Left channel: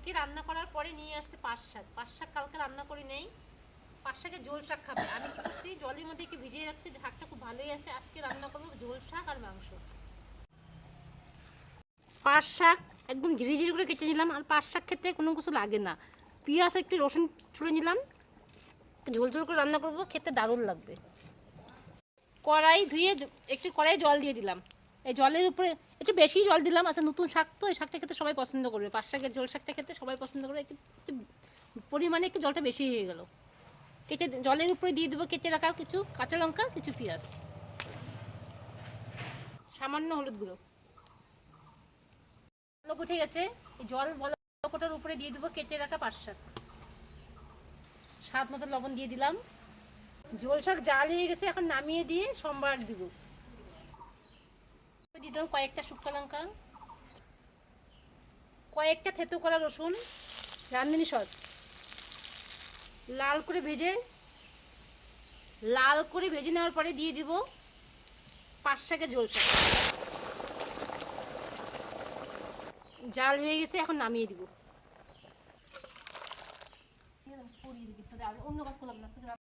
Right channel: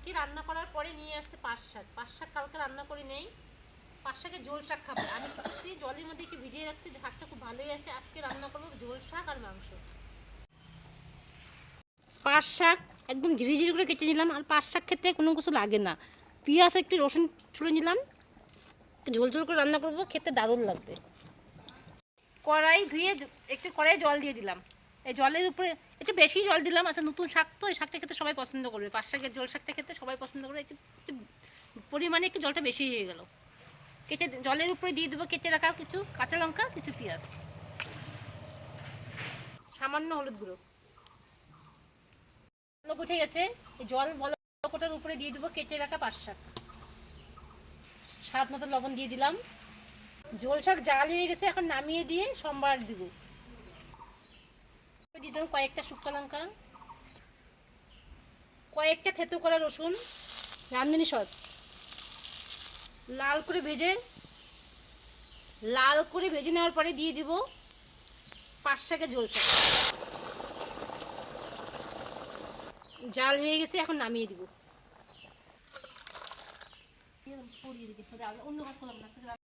কালকে রান্না করার পরে নিয়ে আসছে পাঁচ শাক কালকে রান্না করে নেই। পাঁচ শাকের ঝোল শাক খাবে। আমি কি করছি, জলের মধ্যে একটু ভিজিয়ে রাখছি, শাকটা খুব ভালোই আছে। আজকে রান্না করবো ঝোল শাক আর মাংস। পাঁচ শাক একদম ঝিরিঝিরি করে কেটে নিলাম। আর পাঁচ শাক খেতে কোনো কিছু লাগে না, পেঁয়াজ একটু রসুন ছুঁড়ে নিলাম, ঝোল ঝোল করে রান্না করবো, খেতে দারুণ লাগবে। কড়াই ধুয়ে একটু কড়াই জল দিয়ে দিলাম। এই জলের উপরে একটু বেশি জল দিলাম। আচ্ছা, নতুন শাক তো, এই শাকটা খেতে সবাই পছন্দ করবে, পাঁচ শাকের ঝোল শাকটা খেতে সবাই পছন্দ করবে। একটু একটু পরিমাণে একটু জলটা বেশি হয়ে গেল। কেটে জলের উপরে দিয়ে দেবো কেটে রাখা কিছু কাঁচা লঙ্কা, কিছু পেঁয়াজ, সামান্য হলুদ গুঁড়ো। বলক উঠে গেছে, এই জল বলকটার উপরে দিয়ে দেবো কেটে রাখা পাঁচ শাক, স্বাদ মতো লবণ দিয়ে দিলাম। ঝোল শাক জাল হয়ে গেছে, এখন নামিয়ে দিয়ে সম্বার দিব। দিয়ে দিলাম কয়েকটা শুকনো লঙ্কা, কয়েকটা থেতো করা রসুন, রাঁধুনি সস, লাল করে ভেজে নেওয়ার পরে দিয়ে দিব পাঁচ শাকের ঝোল শাক। জাল হয়ে গেছে, এখন নামিয়ে দিব। অন্য কাজ করলাম না।